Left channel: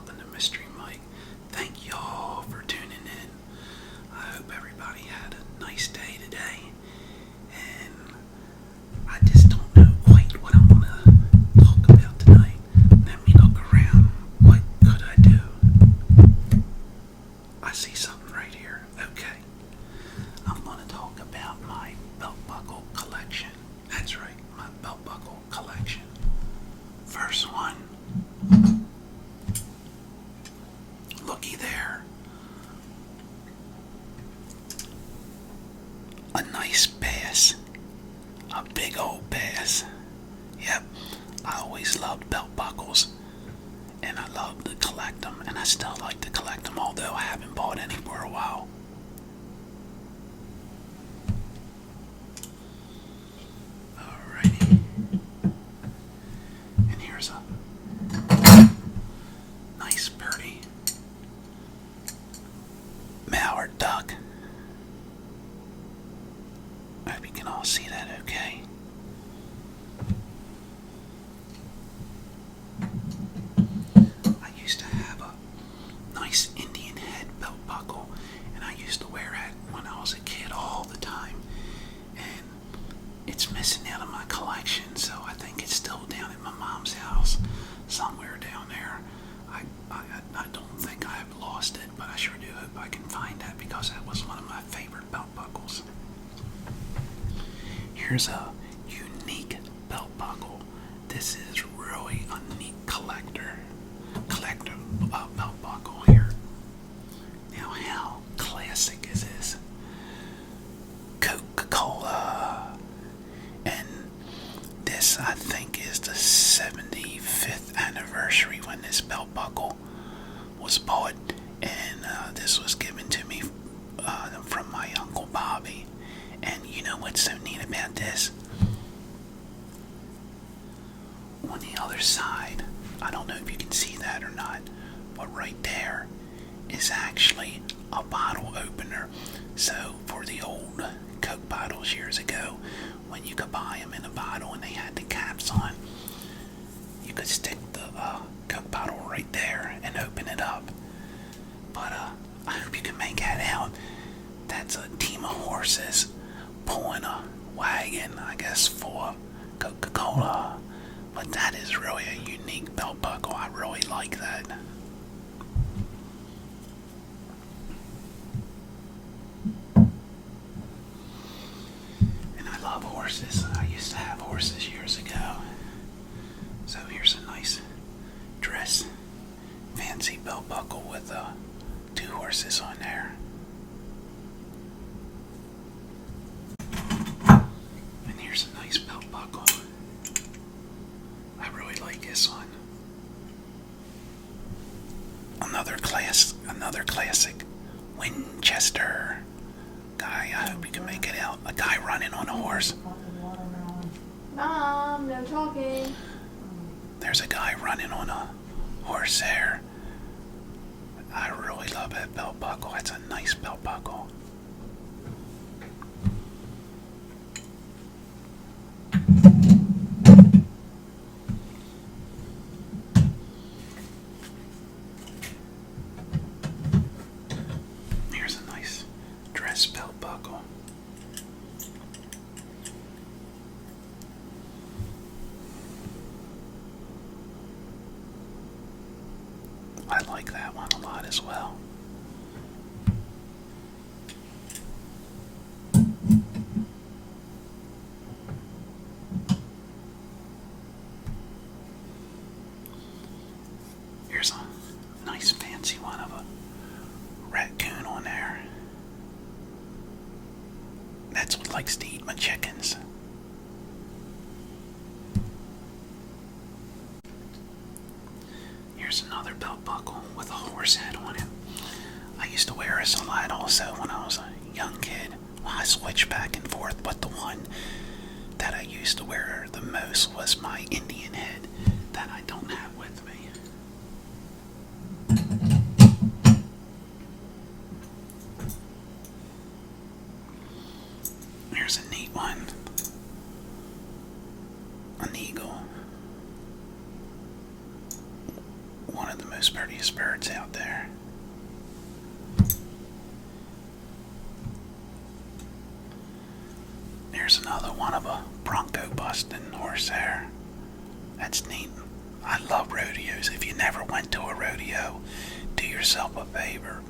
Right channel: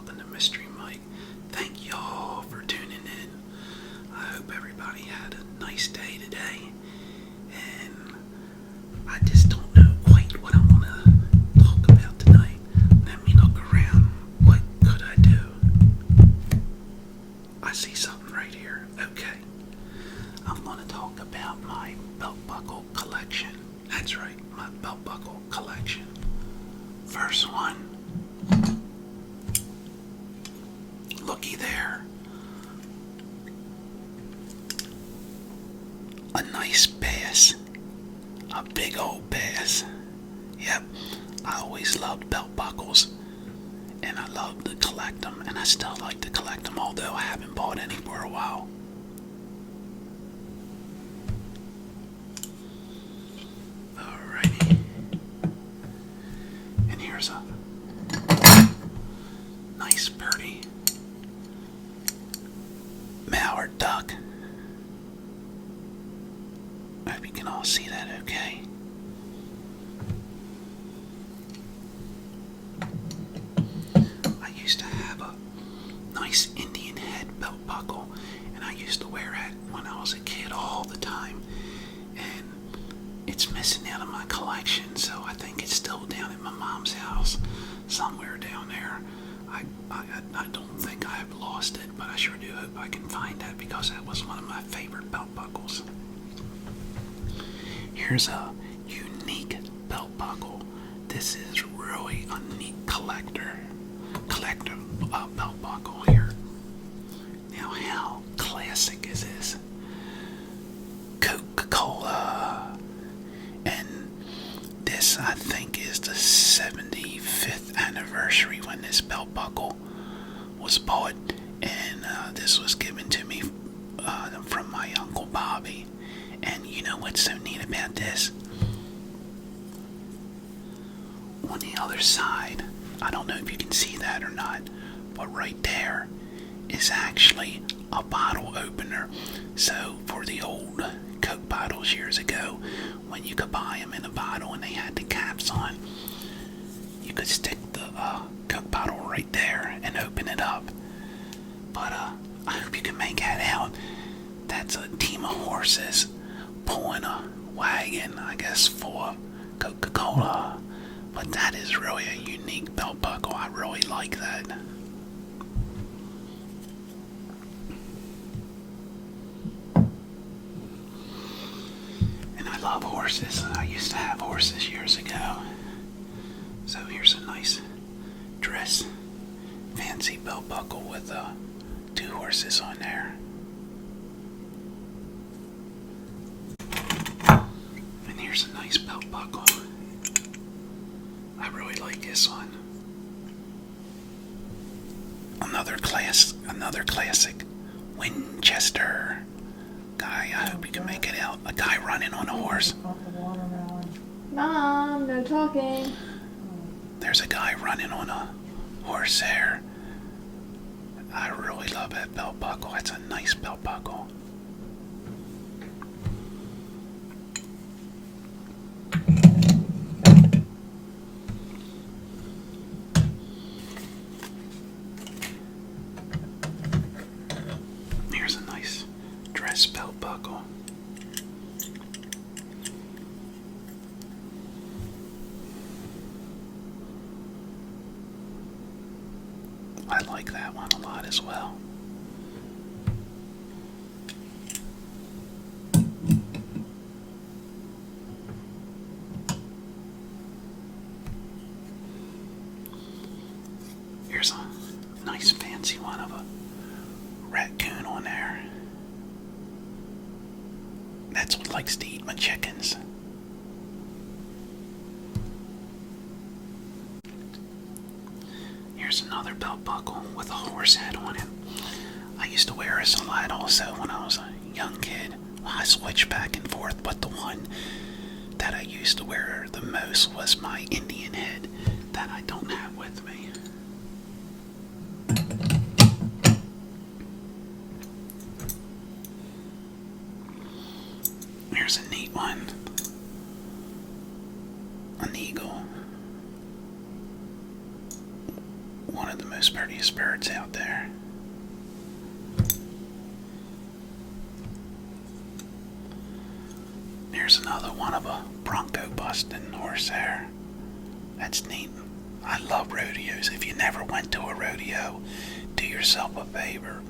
Welcome to Mystery Mike. Thank y'all for tuning in. I hope everybody had a nice day today. And I just don't know quite what I'm going to talk about tonight. Let me look around. What could I do? I see something right here. Okay. I'm going to talk about my belt buckle collection. That's right, my belt buckle collection. First one. Looky there. A nice bass. A big old bass. Yep, I always loved belt buckles. And I love to collect them. And I still like to collect them, although I haven't bought any for a while. Alrighty. And here's a nice birdie. Mallard duck. I hope you can all see that okay. I used to have a nice Indian head belt buckle, and I used to wear it when I was a kid all the time. And it's missing out of my collection, so I think it's still down at my mom's house, somewhere down there. I don't think I've lost it, but I sure do hope I can find that because that was one of my favorite belt buckles. Here's a unique belt buckle. This is really a neat collector belt buckle here. Now, how classic is this? Coca-Cola. And this, I think, is the 75th anniversary when this belt buckle was bought, and this was given to me from my Uncle Bobby. And you know what's so neat about this? On the other side, I don't know if you can see that or not, but right there is actually a bottle opener. So for the old Coke bottles years ago, when you could buy them in a bottle and they had the caps on, you could stick the Coke bottle right there and open it up. But I hope you can make that out. That's a team of horses pulling a wagon, I guess, for Coca-Cola. But that is really a unique belt buckle. I really like that. And I love horses. I used to have horses years ago. So here's a nice dress, fancy belt buckle with 2 horses on there. And here's a nice belt buckle. I really like this one. Another classic Winchester. Guy, I hope you can make it out. A guy running on a horse. Mom, no talking. There's a guy running on a horse there. I really love that belt buckle. It's a nice belt buckle. Here's a nice dress belt buckle. I like that one a lot as well. Here's a nice fancy one of a raccoon on there. That's what likes to eat my chickens. Here's another belt buckle with a horse head on it. I used to wear this a lot also when I was a young kid. Well, I switched back and forth, but the one that I used to wear the most was my Indian head that I don't have with me. Here's a neat one. An eagle one of the most prettiest birds out there. There's another one of a bronco busting horsehair. That's neat. I love rodeos. If you never went to a rodeo, do yourself a favor.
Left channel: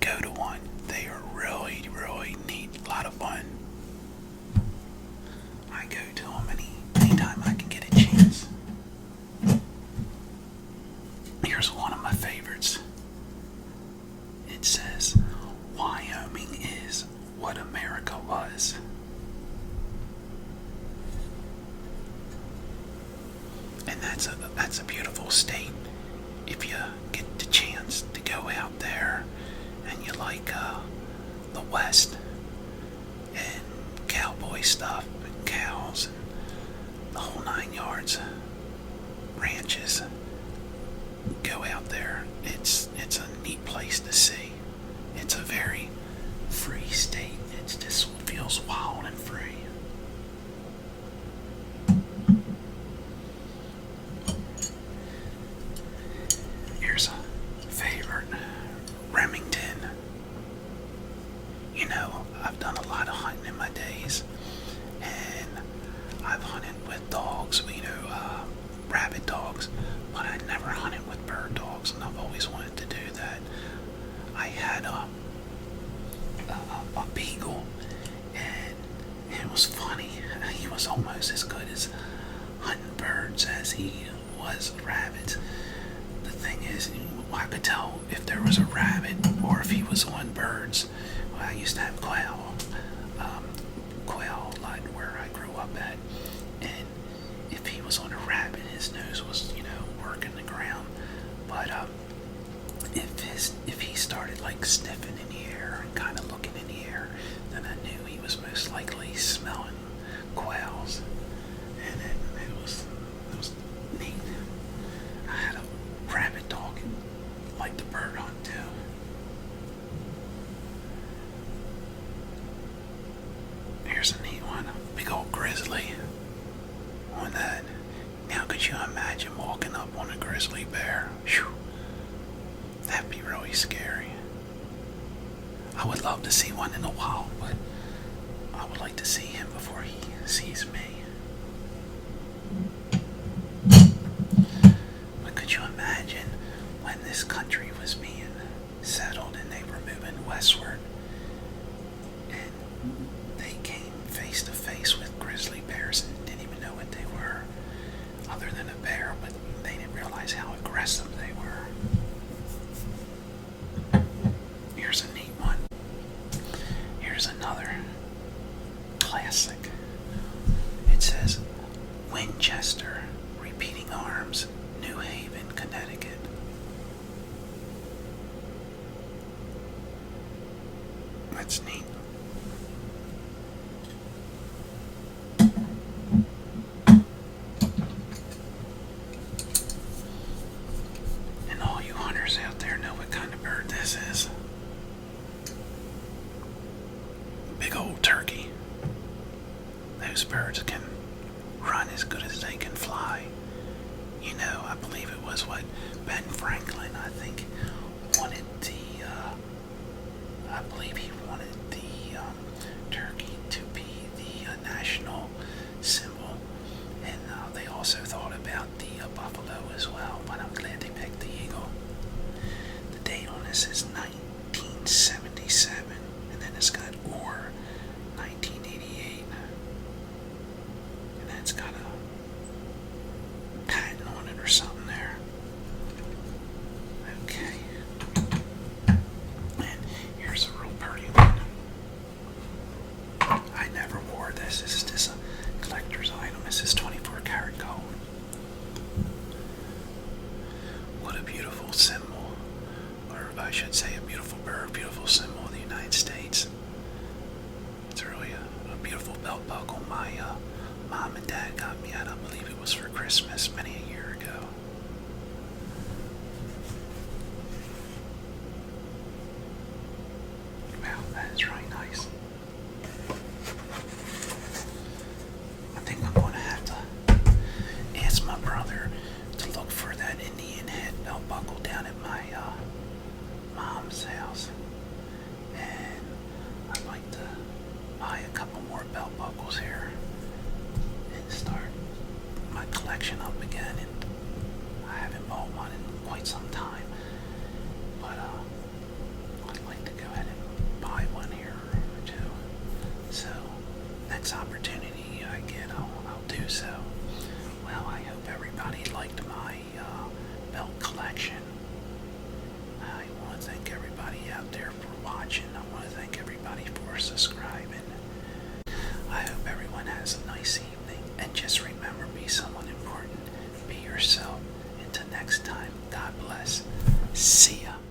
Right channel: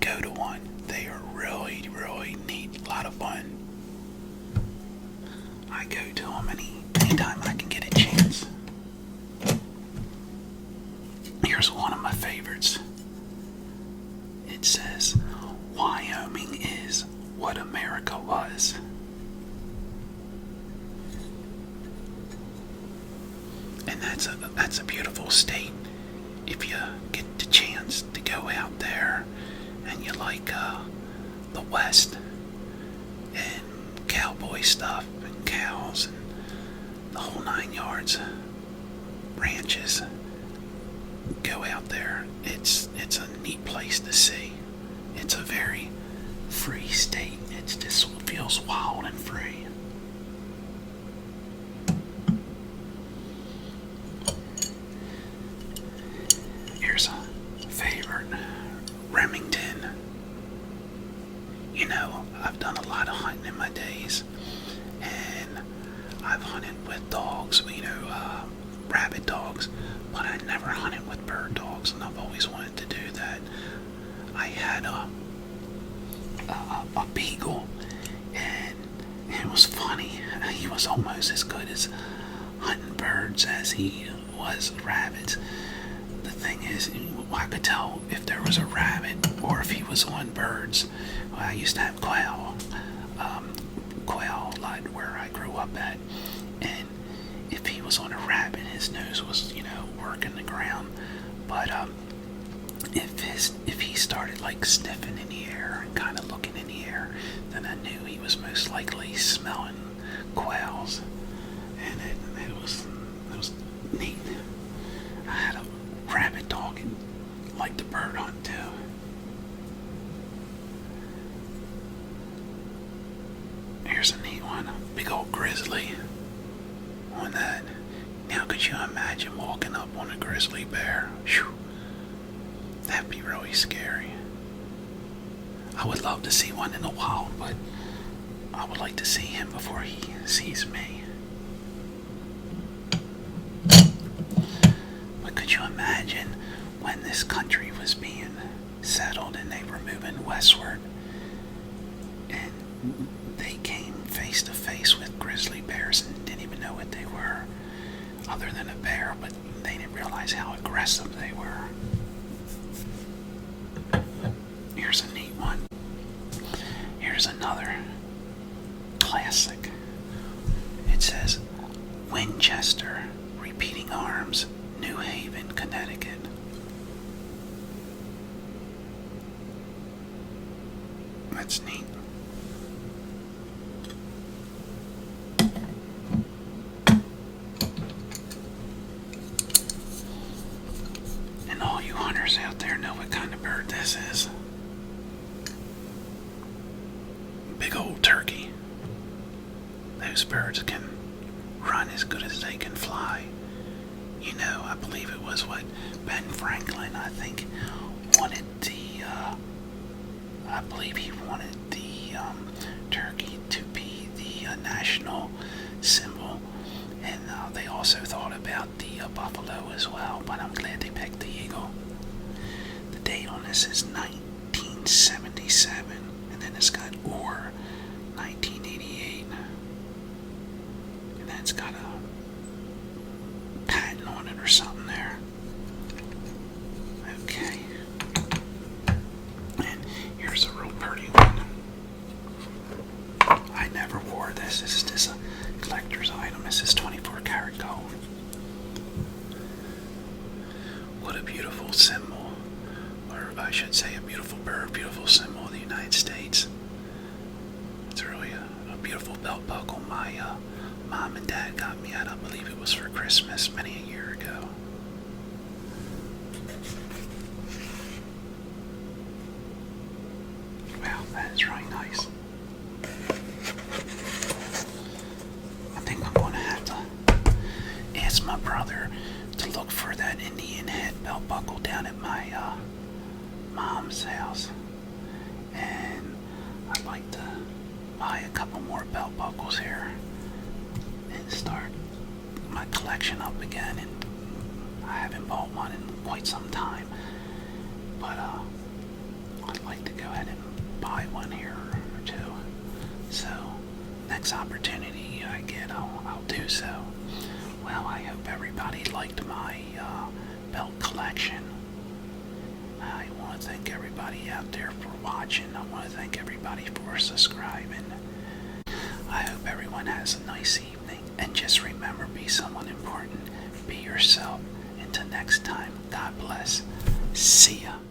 Go to one. They are really, really neat. A lot of fun. I go to them anytime I can get a chance. Here's one of my favorites. It says, Wyoming is what America was. And that's a beautiful state. If you get the chance to go out there and you like the West and cowboy stuff and cows and the whole 9 yards, ranches, go out there. It's a neat place to see. It's a very free state. It just feels wild and free. Here's a favorite, Remington. You know, I've done a lot of hunting in my days, and I've hunted with dogs, rabbit dogs, but I never hunted with bird dogs, and I've always wanted to do that. I had a beagle, and it was funny. He was almost as good as hunting birds as he was rabbits. The thing is, I could tell if there was a rabbit or if he was on birds. Well, I used to have quail like where I grew up at, and if he was on a rabbit, his nose was, working the ground. But if he started like sniffing in the air and kind of looking in the air, then I knew he was most likely smelling quails, and it was neat. I had a rabbit dog and liked to bird hunt too. Here's a neat one, big old grizzly on that. Now could you imagine walking up on a grizzly bear? Whew. That'd be really scary. I would love to see one in the wild, but I would like to see him before he sees me. But could you imagine when this country was being settled and they were moving westward, and they came face to face with grizzly bears and didn't even know what they were, other than a bear, but they didn't realize how aggressive they were. Here's a neat one. Here's another classic. It says, Winchester, Repeating Arms, New Haven, Connecticut. That's neat. And all you hunters out there know what kind of bird this is. Big old turkey. Those birds can run as good as they can fly. I believe it was Ben Franklin, I think, wanted he wanted the turkey to be the national symbol, and they also thought about the buffalo as well, but I'm glad they picked the eagle. The date on this is 1977, and then it's got or 1988, and then it's got a patent on it or something there. Okay. And here's a real pretty one. I never wore this. This is just a collector's item. This is 24 karat gold. What a beautiful symbol. Or I should say a beautiful bird, beautiful symbol of the United States. It's really a beautiful belt buckle. My mom and dad got me at, I believe it was for Christmas many a year ago. Wow, that is really nice. I think I'm going to have to ask my brother to look for that Indian head belt buckle down at my mom's house, and I'd like to buy a couple more belt buckles here and start my collection up again. And I haven't bought one in quite some time, but I'd like to go ahead and buy one here or two. So next opportunity I get, I'll do so. Well, I hope everybody liked my belt collection. I want to thank everybody out there for watching. I want to thank everybody for subscribing. I hope everyone has a nice evening. And just remember, be someone important. Be yourself. Until next time, God bless. See ya.